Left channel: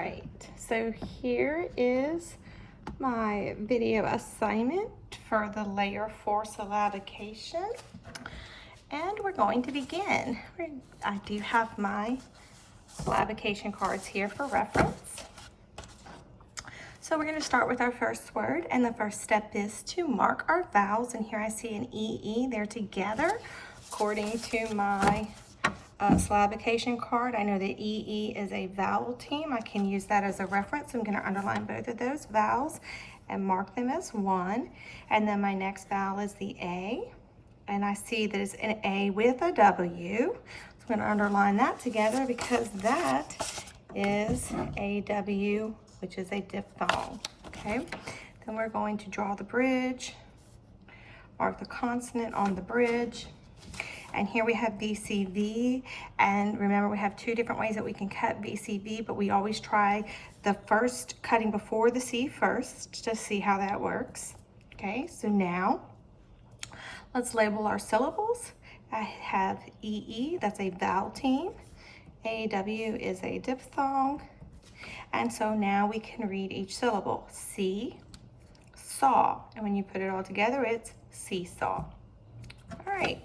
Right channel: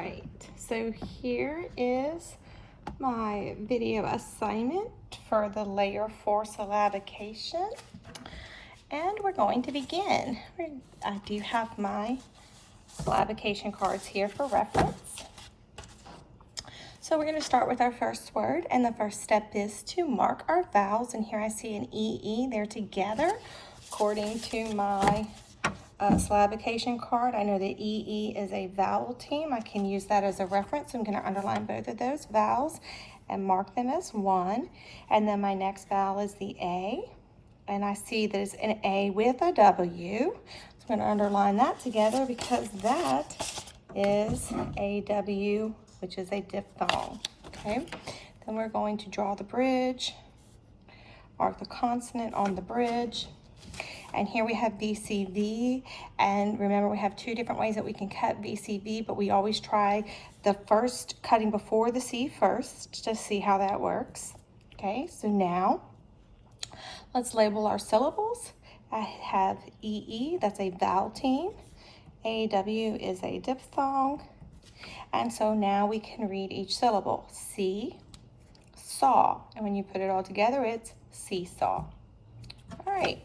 right, so here is my video assignment for the Layer 4 syllabication, and we're going to begin. I do have my syllabication cards here for reference. So we're going to start with our first word, and the first step is to mark our vowels, and here I see an EE, they're together according to my syllabication card. I know that EE is a vowel team. I can use that as a reference. I'm going to underline both of those vowels and mark them as one. And then my next vowel is the A, and I see there's an A with a W. So I'm going to underline that together because that is a W, which is a diphthong. Okay, then we're going to draw the bridge, mark the consonant on the bridge. And here we have VCV, and remember we have two different ways that we can cut VCV, but we always try the first cutting before the C first to see how that works. Okay, so now let's label our syllables. I have EE, that's a vowel team. AW is a diphthong. And so now we can read each syllable. See, saw, and when you put it all together, it's seesaw. All right.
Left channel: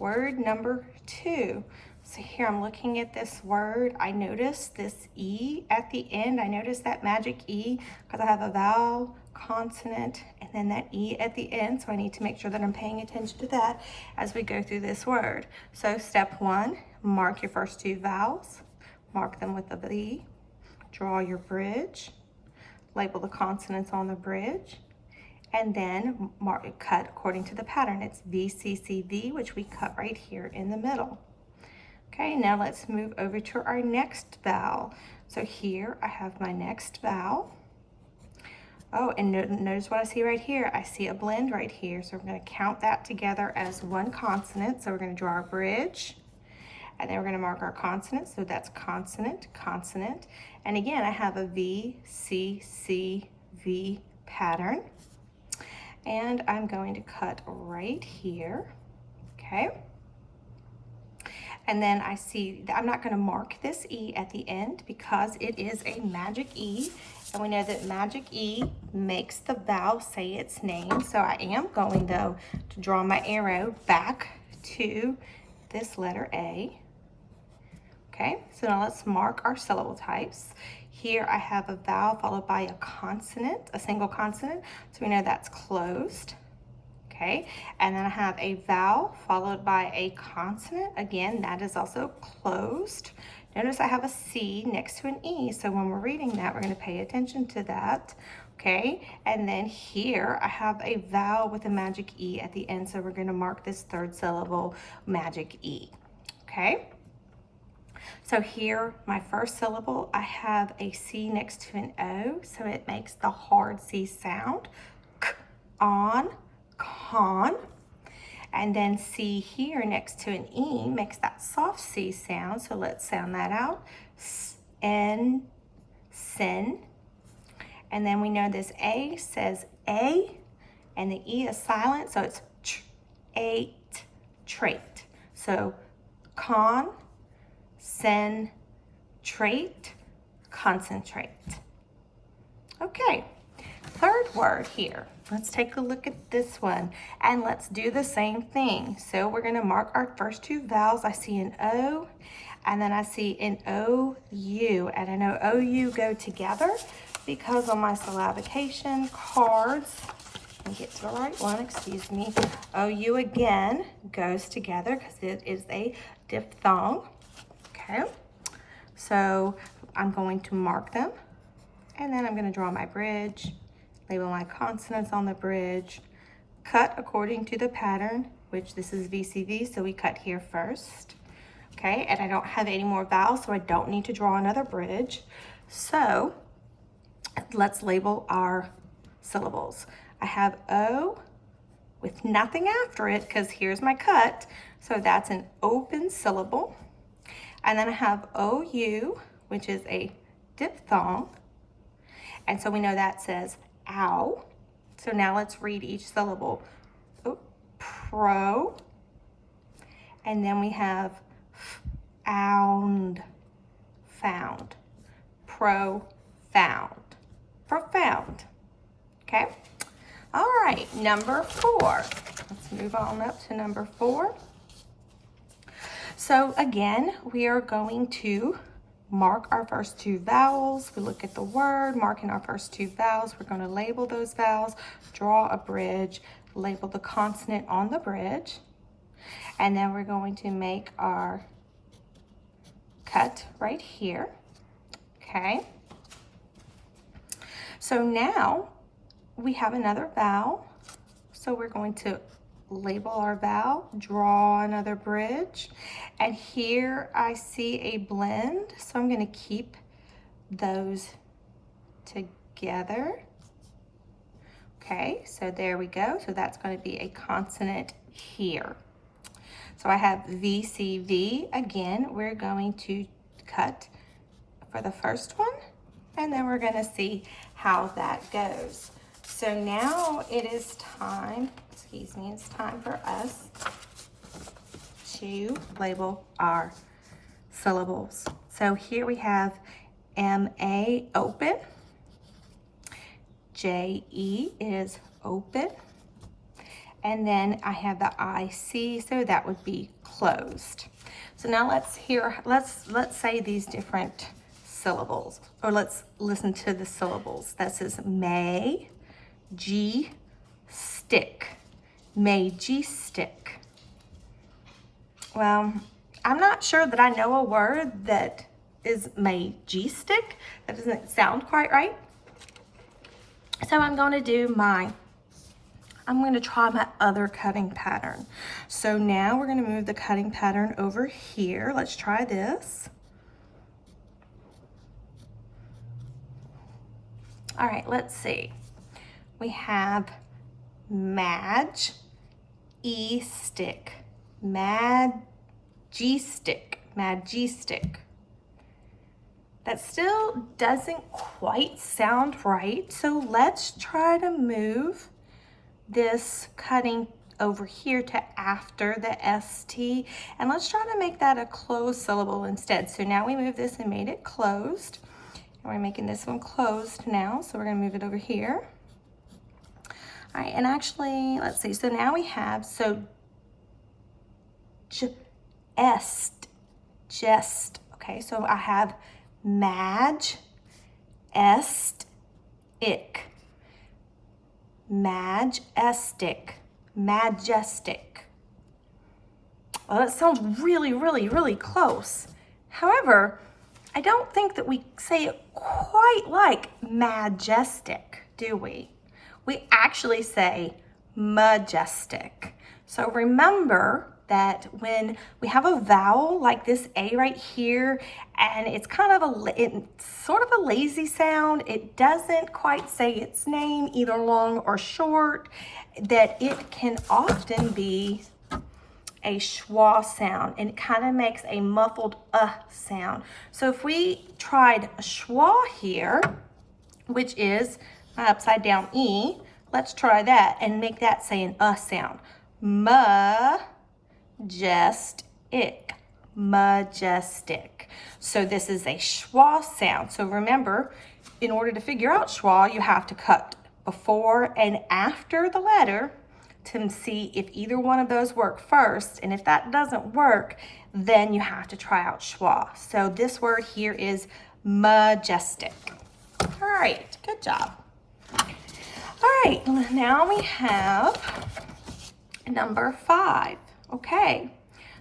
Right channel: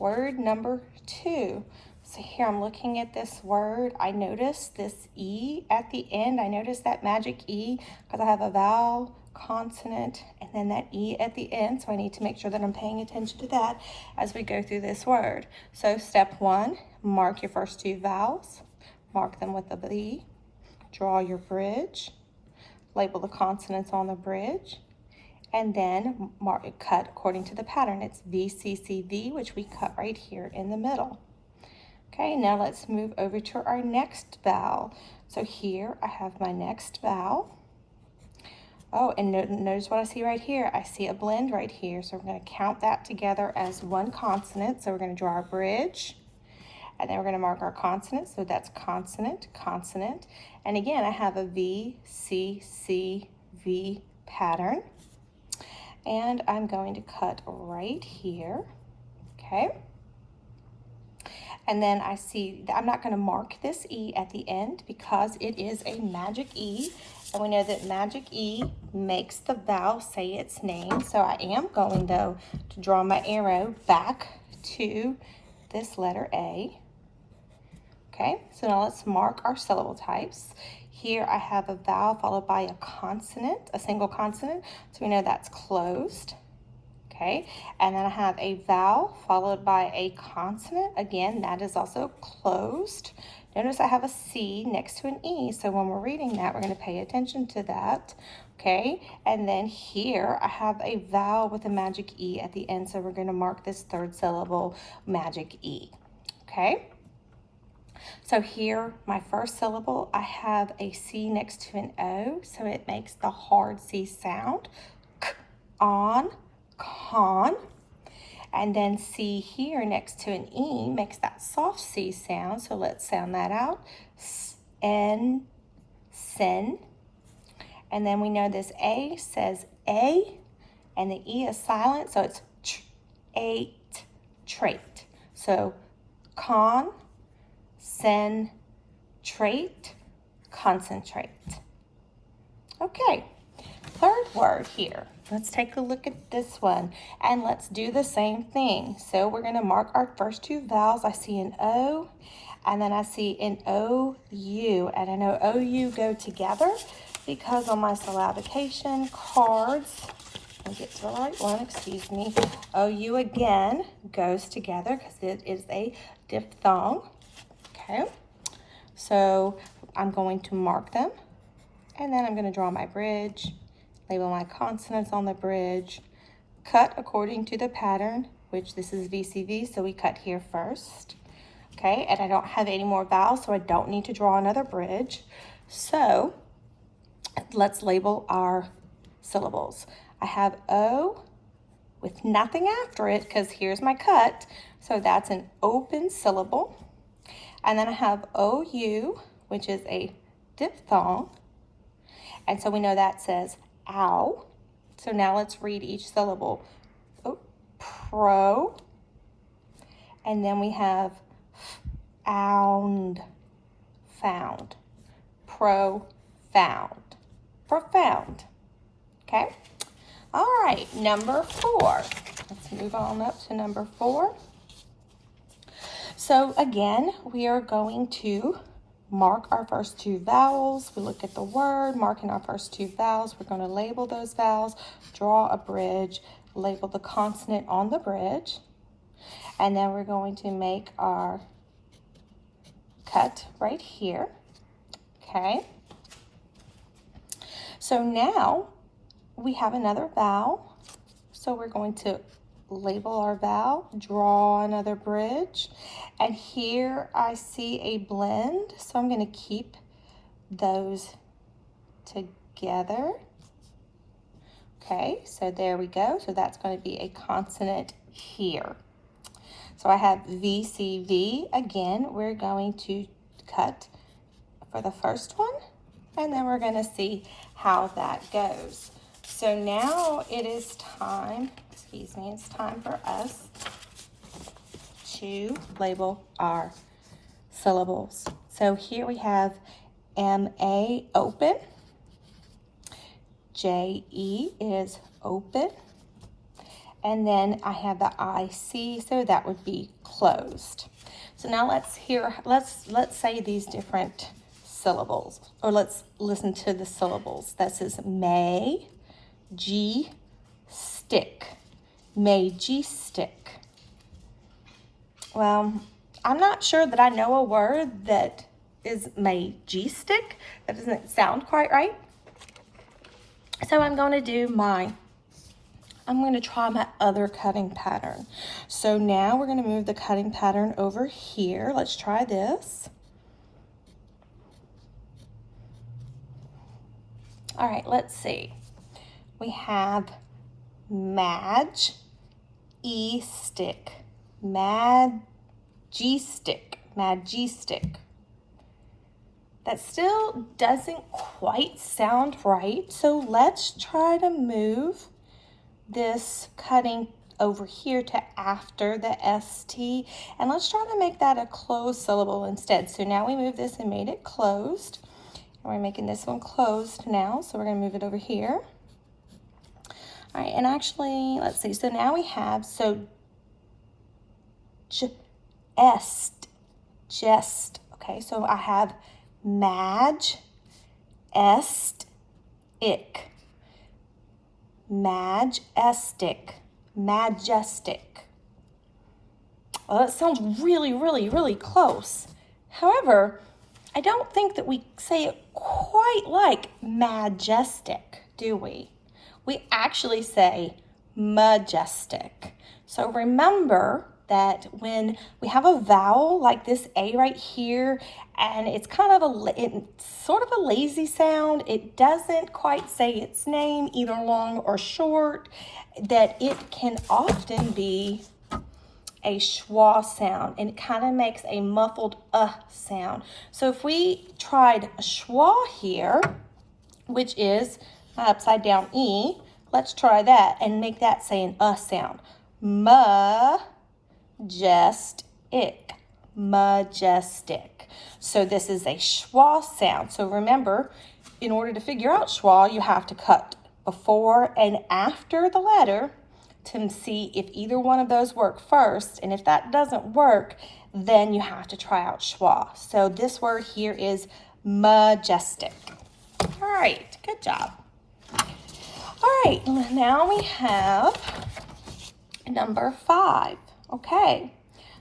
Word number 2. So here I'm looking at this word. I notice this E at the end. I notice that magic E because I have a vowel, consonant, and then that E at the end. So I need to make sure that I'm paying attention to that as we go through this word. So step 1, mark your first 2 vowels. Mark them with a V. Draw your bridge. Label the consonants on the bridge. And then cut according to the pattern. It's VCCV, which we cut right here in the middle. Okay, now let's move over to our next vowel. So here I have my next vowel. Oh, and notice what I see right here. I see a blend right here. So we're going to count that together as one consonant. So we're going to draw our bridge. And then we're going to mark our consonant. So that's consonant, consonant. And again, I have a VCCV pattern. And I'm going to cut right here, okay? And then I see, I'm not going to mark this E at the end because it is a magic E. And we know that magic E makes the vowel say its name. So I am going, though, to draw my arrow back to this letter A. Okay, so now let's mark our syllable types. Here I have a vowel followed by a consonant, a single consonant, so we know that's closed. Okay, and then I have a vowel followed by a consonant. Again, that is also closed. Notice I have a C next to an E, so when we're reading that, we're going to pay attention to that. Okay, and then here I have a vowel with a magic E at the end, so we're going to mark this third syllable magic E. Okay. So here, my first syllable, I have a C next to an O, so it makes the hard C sound. K, on, con. And then C here next to an E makes that soft C sound, so let's sound that out. N, sin. And then we know this A says A, and the E is silent, so it's ate, trait. So con, concentrate, concentrate. Okay, third word here. Let's take a look at this one and let's do the same thing. So we're going to mark our first 2 vowels. I see an O and then I see an OU, and I know OU go together because on my syllabication cards, let me get to the right one, excuse me, OU again goes together because it is a diphthong. Okay, so I'm going to mark them, and then I'm going to draw my bridge, label my consonants on the bridge, cut according to the pattern, which this is VCV, so we cut here first. Okay, and I don't have any more vowels, so I don't need to draw another bridge. So let's label our syllables. I have O with nothing after it because here's my cut, so that's an open syllable. And then I have OU, which is a diphthong. And so we know that says ow. So now let's read each syllable. Oh, pro. And then we have found, found. Profound. found. Profound. Okay? All right, number 4. Let's move on up to number 4. So again, we are going to mark our first 2 vowels. We look at the word, marking our first 2 vowels. We're going to label those vowels, draw a bridge, label the consonant on the bridge, and then we're going to make our cut right here. Okay. So now we have another vowel. So we're going to label our vowel, draw another bridge, and here I see a blend, so I'm going to keep those together. Okay, so there we go. So that's going to be a consonant here. So I have VCV. Again, we're going to cut for the first one, and then we're going to see how that goes. So now it is time, it's time for us to label our syllables. So here we have M-A, open. J-E is open. And then I have the I-C, so that would be closed. So now let's say these different syllables, or let's listen to the syllables. That says may, G, stick. Majestic. Well, I'm not sure that I know a word that is majestic. That doesn't sound quite right. So I'm going to try my other cutting pattern. So now we're going to move the cutting pattern over here. Let's try this. All right, let's see. We have Madge, E-stick, majestic. That still doesn't quite sound right, so let's try to move this cutting over here to after the ST, and let's try to make that a closed syllable instead. So now we move this and made it closed, and we're making this one closed now, so we're going to move it over here. All right, and actually, let's see. So now we have, just. Okay, so I have Madge, est, ick. Majestic, majestic. Well, that sounds really, really, really close. However, I don't think that we say it quite like majestic, do we? We actually say majestic. So remember that when we have a vowel like this A right here, and it's kind of sort of a lazy sound, it doesn't quite say its name, either long or short, that it can often be a schwa sound, and it kind of makes a muffled sound. So if we tried a schwa here, which is upside down E, let's try that and make that say an sound. Majestic. So this is a schwa sound. So remember, in order to figure out schwa, you have to cut before and after the letter to see if either one of those work first. And if that doesn't work, then you have to try out schwa. So this word here is majestic. All right, good job. All right, now we have number 5. Okay,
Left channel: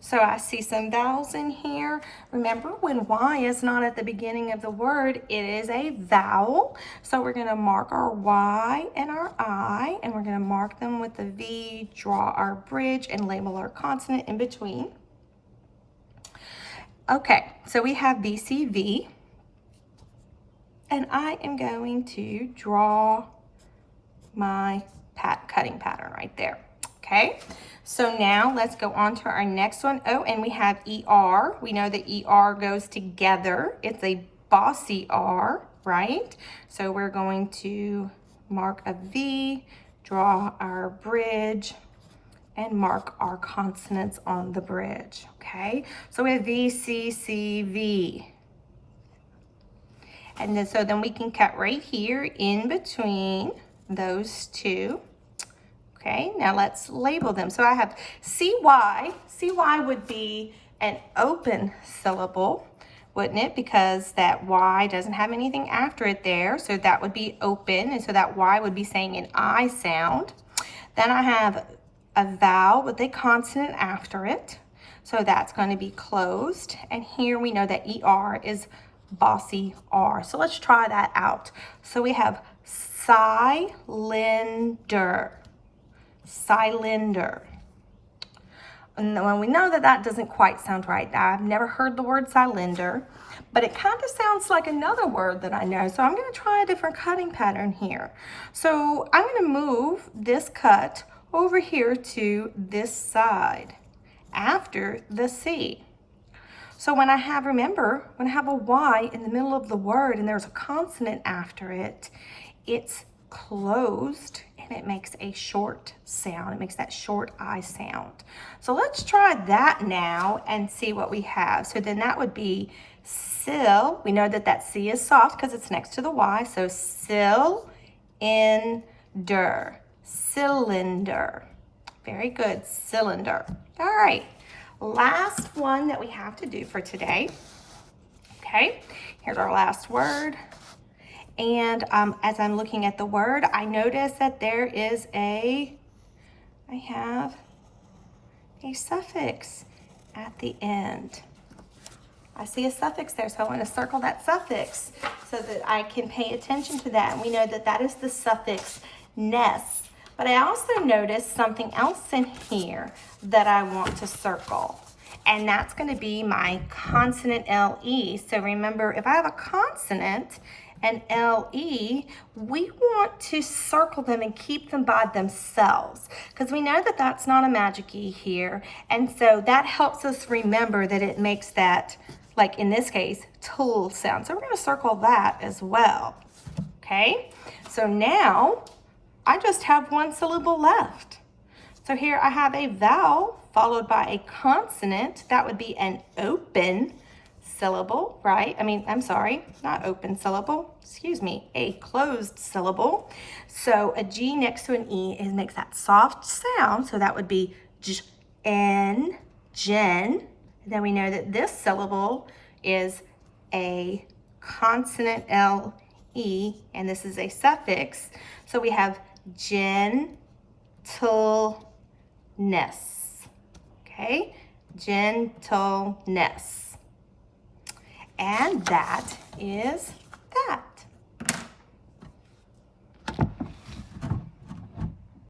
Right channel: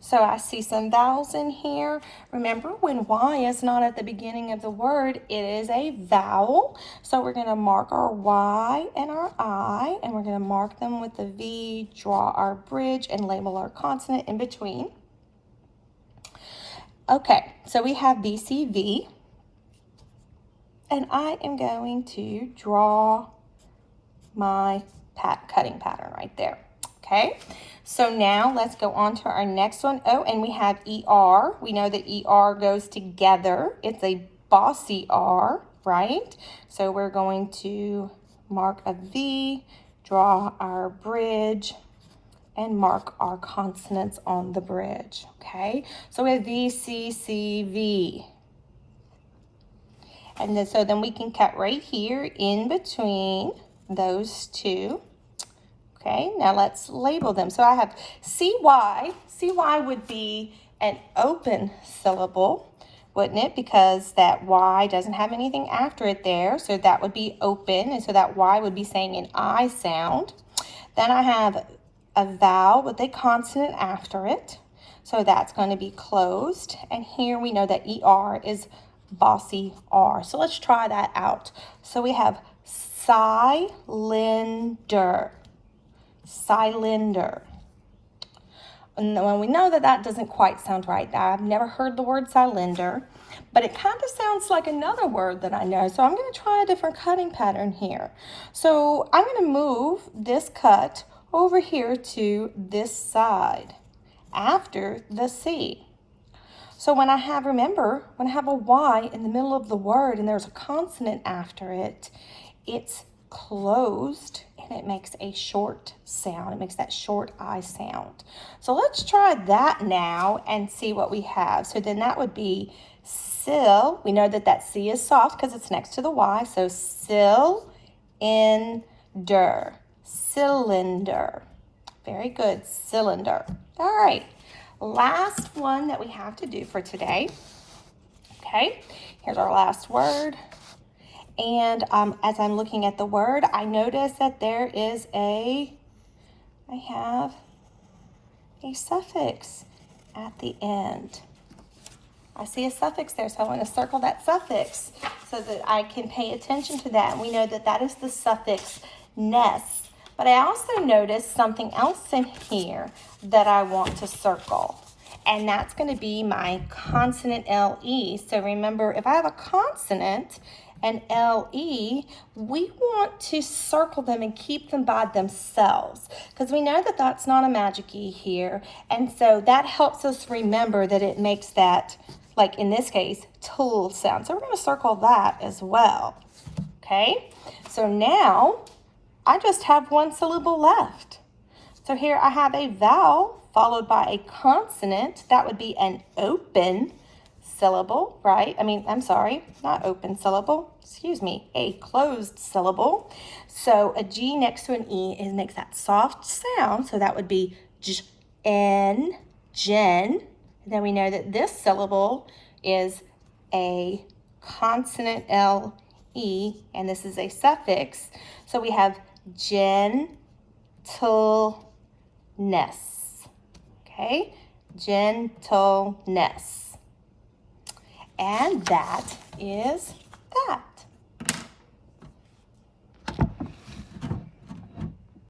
so I see some vowels in here. Remember, when Y is not at the beginning of the word, it is a vowel. So we're going to mark our Y and our I, and we're going to mark them with the V, draw our bridge, and label our consonant in between. Okay, so we have VCV, and I am going to draw my cutting pattern right there. Okay, so now let's go on to our next one. Oh, and we have ER. We know that ER goes together. It's a bossy R, right? So we're going to mark a V, draw our bridge, and mark our consonants on the bridge. Okay, so we have V, C, C, V. And then, so then we can cut right here in between those two. Okay, now let's label them. So I have CY. CY would be an open syllable, wouldn't it? Because that Y doesn't have anything after it there. So that would be open. And so that Y would be saying an I sound. Then I have a vowel with a consonant after it. So that's going to be closed. And here we know that ER is bossy R. So let's try that out. So we have cylinder. Cylinder. And when we know that that doesn't quite sound right. Now, I've never heard the word cylinder, but it kind of sounds like another word that I know. So I'm going to try a different cutting pattern here. So I'm going to move this cut over here to this side after the C. So when I have, remember, when I have a Y in the middle of the word and there's a consonant after it, it's closed and it makes a short sound. It makes that short I sound. So let's try that now and see what we have. So then that would be sil. We know that that C is soft because it's next to the Y. So cylinder. Cylinder. Very good. Cylinder. All right. Last one that we have to do for today. Okay. Here's our last word. And as I'm looking at the word, I notice that there is I have a suffix at the end. I see a suffix there, so I want to circle that suffix so that I can pay attention to that. And we know that that is the suffix ness. But I also noticed something else in here that I want to circle. And that's going to be my consonant LE. So remember, if I have a consonant and LE, we want to circle them and keep them by themselves because we know that that's not a magic E here. And so that helps us remember that it makes that, like in this case, tool sound. So we're going to circle that as well. Okay, so now I just have one syllable left. So here I have a vowel followed by a consonant. That would be an open syllable, right? I'm sorry, not open syllable, excuse me, a closed syllable. So a G next to an E makes that soft sound. So that would be N, gen. Then we know that this syllable is a consonant LE, and this is a suffix. So we have gentleness. Okay, gentleness. And that is